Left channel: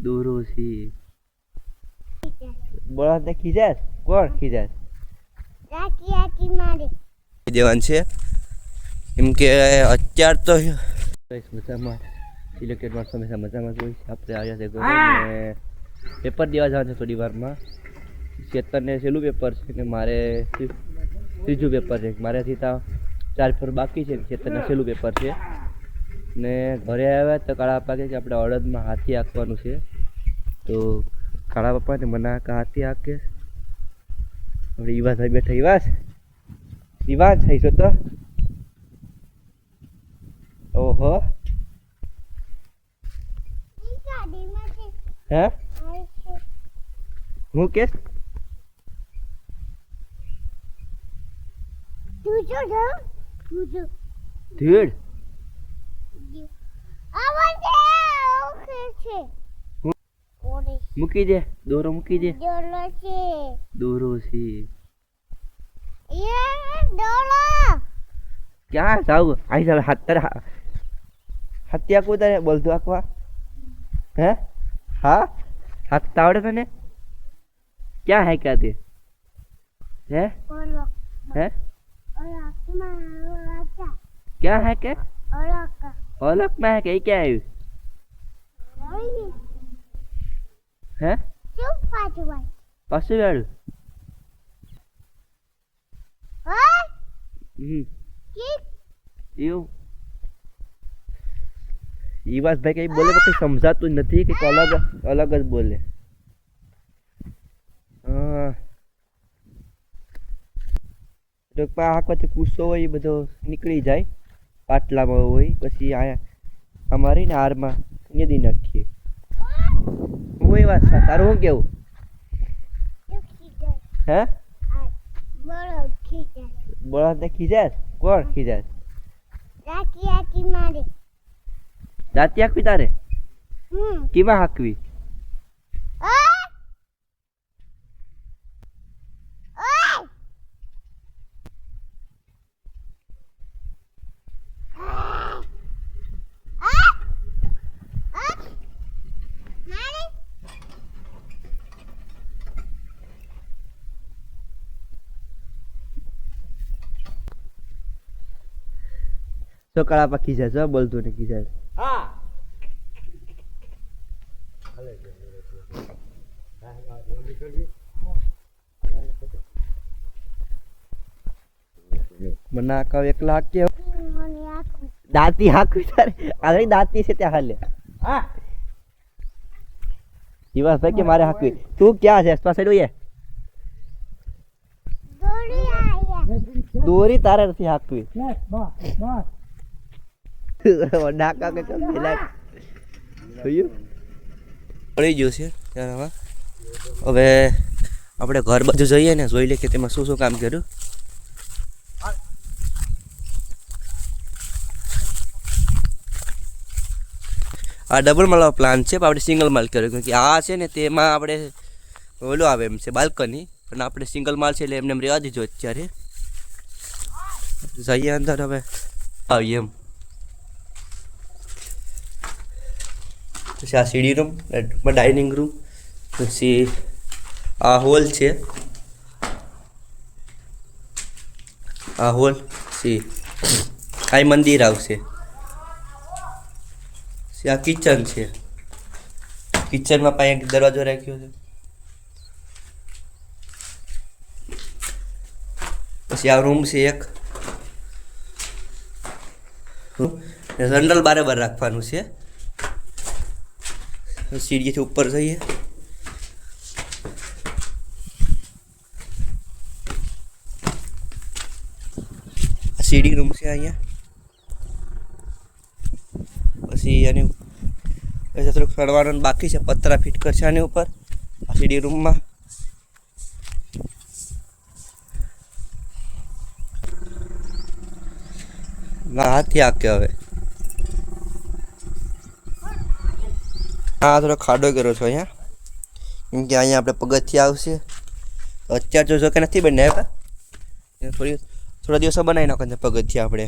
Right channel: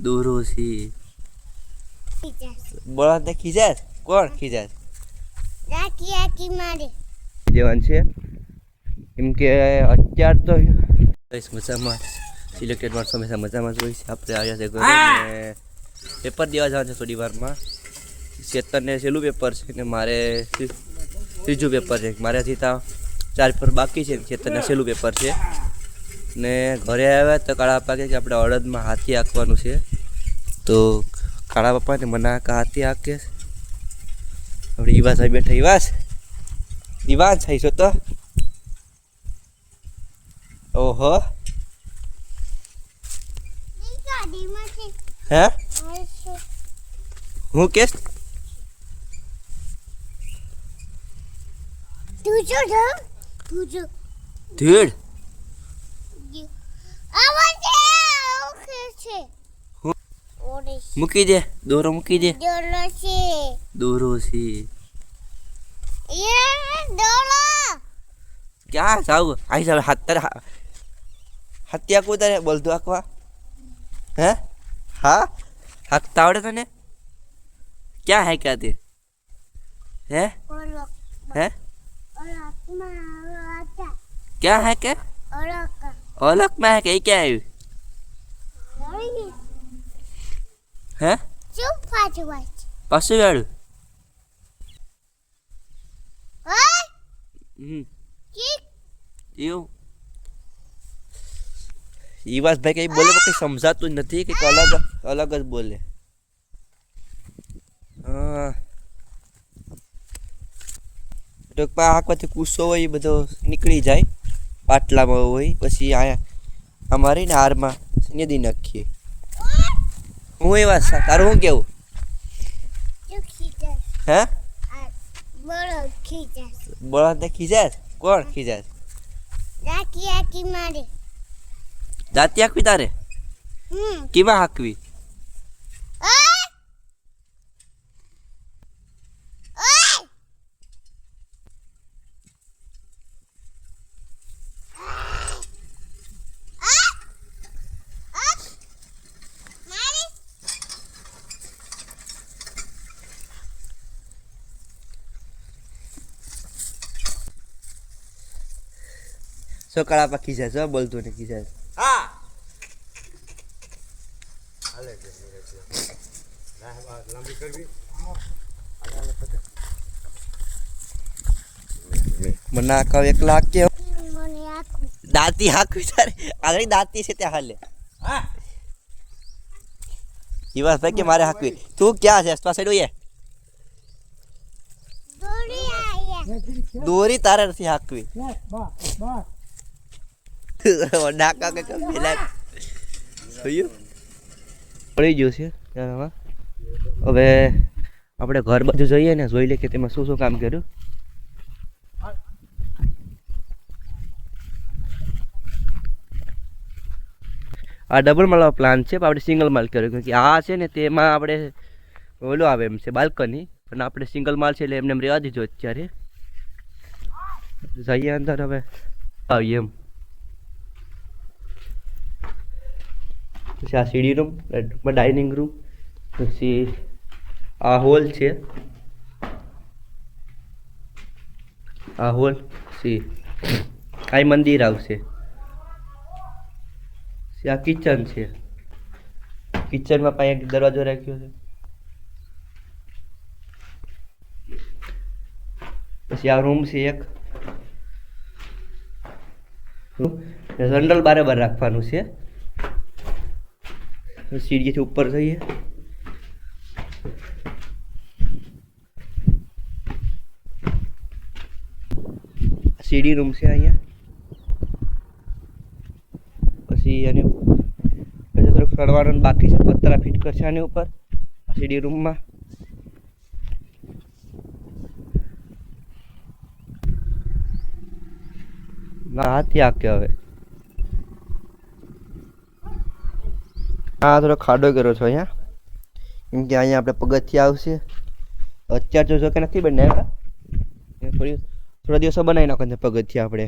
દોરો છે. ખીજાશે. બળદને ખીજાય. કોણ દેવાન છે. એમ કે અત્યાર તો મજામાં. સિલેક્ટેડ માણસો હંમેશા મજામાં જ હોય છે. આપણે આવ્યા છે ઘરે ને પેપર દેવા જવાનું છે થોડી વારમાં. ચેતનને છેલ્લું પેપર છે ને મારે ત્રીજું પેપર છે. મારે હજી ત્યાં ચાર પેપર બાકી છે ને. ચેતનને છેલ્લું પેપર છે. ને ઘરે આવ્યા તો કાળા કહે કે આપણે અડદમાં હાથી હાંકવાનું છે. તો કાળા પપ્પાને મને આખા હાથી હાંકે. આપણે ઈવાસ સાહેબ બેઠા ઈવાસ? ઈવાસ થઈ છો તો? ઓહો. હે? હું કે તું જો તું જો ધીડ આવા છે ઓકે છે હું? ઓરે મૂકી દે દોરો મૂકી દે. દોરો છે. દોરો છે એ ડોલો ક્યાં જાવ? આઈ જાવ હાથ તારે હા- હાથી આખું તારે બોલતું આખવા હે? હા? હાથ તો આવડે તને? ક્યાં હે ક્યાં તે? હે? હે? ક્યાં હે કે ઓલક ઓલકમાં હે કે એ ક્યાં આવ્યું ઓય હે ચૂપ પાછું વાંચ પાછું વાળું ઓય હમ કી એવું ઈવાસ ભાઈ કઈ બોલે પણ કઈ સમજાતું જ નથી કે અલગ અલગ જ બોલે હા ટૂંકમાં આંખમાંથી કૂસો હોય એ બધો નીકળી જાય પાટલામાં હોય પછી અહીંયા અમારે ને હારમાં નદી નાખીએ. હું એવા તારું શું કેવું? હે? બળદ બોલો ખીજા કોણ ખીજાશ રાખી આકી મારે. દાંતી હાંકવી તારે કેમાં હાંકવી ઓય ઓય આ આ મારે સકાળા પા ખીસા છે બોલતું ને ખીજાય મને આખા એક લાખ કે દાંતી હાંકવી તારે. આગળ દાંતી છે ત્યાં હાલે. ઈવાસ ભાઈ કે મારે હાંકવી. તું ક્યાં છે? આસપાસ સાઈડ દોરી તારે નથી હાંકવી. ડાકા કે છે ત્યારમાં હવે આપણે ઘર બાજુ જઈએ ને જોઈ લે કે તેમાં શું શું કામ કર્યું આ ડબલ માળ પ્લાન છે, પણ આપણે સિંગલ માલ કર્યો કે આ છે ને તેમાં આપણે ઓલું આવે એમ છે બાલ્કની પણ આપણે સિંગલ માલ છે એટલે એમને એમ રહેવા દીધો અત્યારે. જઈએ અંદર હવે. આવીએ એમ. પછી આ સીડી રૂમ ડાઇનિંગ રૂમ પછી આ હોલ છે. આ હોલ સી આ મંદિર આવશે. પછી આ કિચન છે. કિચનમાં પાંચ એક દરવાજો રાખ્યો છે. પછી આ રૂમ છે એક. જનરલ બારે બાર રાખવાનું છે. સીડીથી ઉપર જઈએ આ સીડી રૂમ છે અહીંયા પછી એની થોડુંક ચડવાનું બાકી છે પતરા ફિટ કરશે આની ઉપર સીડી રૂમમાં હાથી આકે હવે હા થોડો ખાડો કર્યો છો અહીંયા. કેમ કે અહીંયા આપણે પગથિયા આવશે. અત્યારે જો જો કે નથી બનાવ્યા થોડી થોડા દિવસો બનાવી નાખો છે પગથિયા આપણે.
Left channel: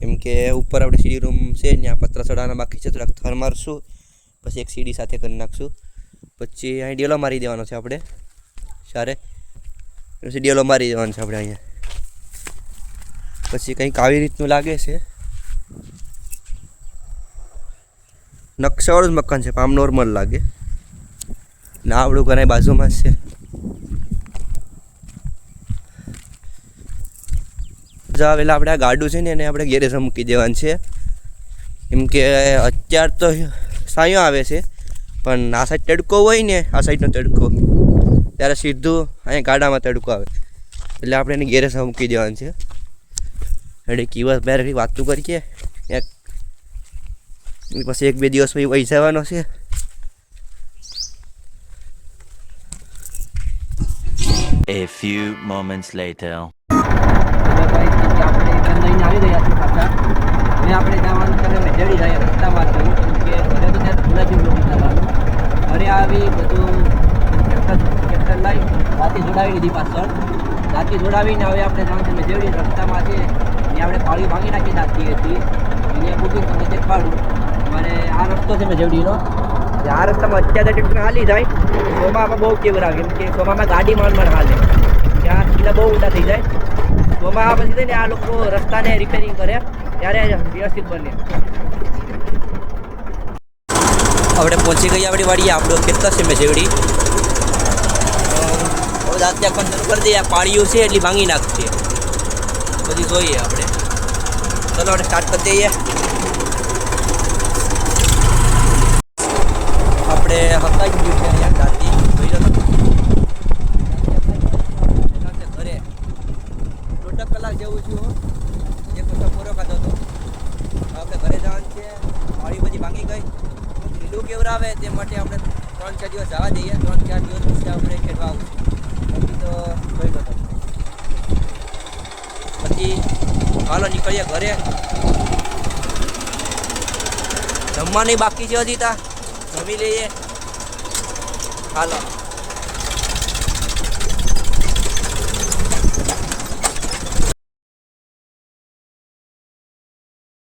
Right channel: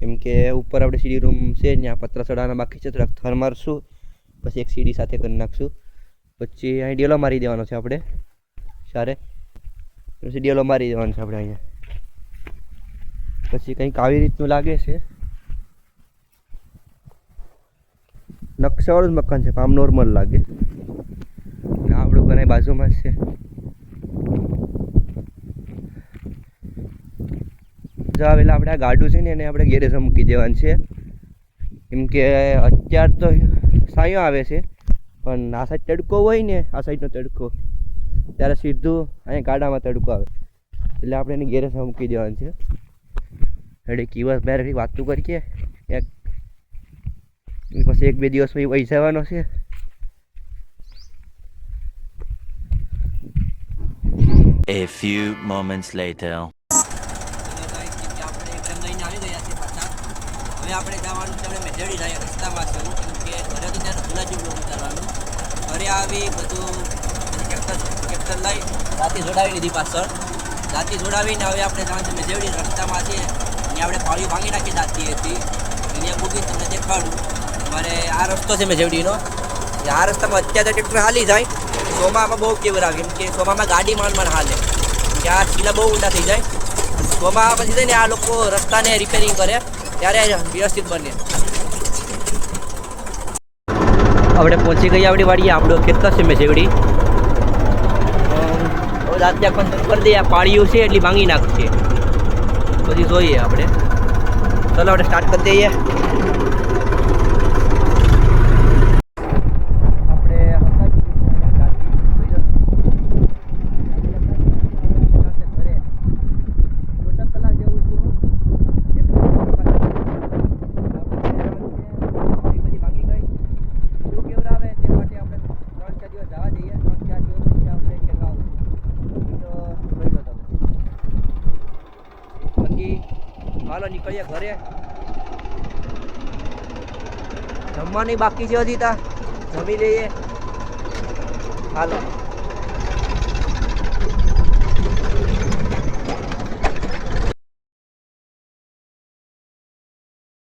કેમ કે ઉપર આપણે સીડી રૂમ છે ત્યાં પત્ર ચડાવવાના બાકી છે, થોડાક થર મારશું. પછી એક સીડી સાથે કરી નાખશું. પછી અહીં ડેલો મારી દેવાનો છે આપણે. સારે. પછી ડેલો મારી દેવાનો છે આપણે અહીંયા. પછી કંઈક આવી રીતનું લાગે છે. નકશાવાળું જ મકાન છે આમ નોર્મલ લાગે. ને આવડું અહીં બાજુમાં છે. આવેલા આપણે આ ગાડું છે ને એને આપણે ગેરેજમાં મૂકી દેવાનું છે. કેમ કે અત્યાર તો સાયો આવે છે, પણ આ સાઈડ તડકો હોય ને, આ સાઈડનો તડકો. ત્યારે સીધું અહીંયા ગાડામાં તડકો આવે. એટલે આપણે એને ગેરેજમાં મૂકી દેવાનું છે. એટલે કિવસ બેર વાતું કરીએ. એક પછી એક બે દિવસ પછી વહી જવાનો છે A few moments later. આપણે જવાનું છે અમે રહ્યા રસ્તામાં છું કે ઘરે તો ત્યાં આવી બધું ટ્રેક્ટર લઈ રાતે જોડાવી લીધી પાછળ રાતે જોડાવીને હવે આપણે જવાનું છે મેજેવડી રસ્તામાં છે અહીંયા આપણે પાળી ભાંગી નાખી દાતી હતી અહીંયા મૂકીને તમને દેખાડું અમારે આ રસ્તો છે મેજેવડીનો આ રસ્તામાં અત્યારે ટ્રેક્ટર હાલી જાય સોમામાં બહુ કેવું આવે કેમ કે સોમામાં ગાડી માંડ માંડ હાલે. ત્યાં છેલ્લા બહુ ઊંડા થઈ જાય. સોમા પછી થઈને આ લોકો રસ્તાને રિપેરિંગ કરે, ત્યારે વ્યવસ્થિત બને. આપણે પહોંચી ગઈ આપણી વાડીએ. આપણો કેટલા છે મેં જેવડી. હવે રાતે આખો કરી દઈએ. આ પાળીઓ છે એટલી ભાંગી નાખશે બધી જોઈએ આપણે. ચલો, આપણે સ્ટાર્ટ કરી દઈએ આપણે હતા જ ગયું છે અહીંયા દાંતી જોઈ લો તો. ઘરે દોઢ કલાક જેવું છું એક વસ્તુ પૂરો ખાધો હતો આપણે ઘરે જવાનું છે વાડી બધી ભાંગી ગઈ ઢીલું કેવરાવે તે માટે આપણે ત્રણ ચાર દિવસ જવા દઈએ. ત્રણ ચાર દિવસ પછી આપણે ખેડવા આવશું. તો જોઈ લો પછી હાલો નીકળીએ ઘરે. જમવાની બાકી છે હજી તા. જમી લઈએ. હાલો.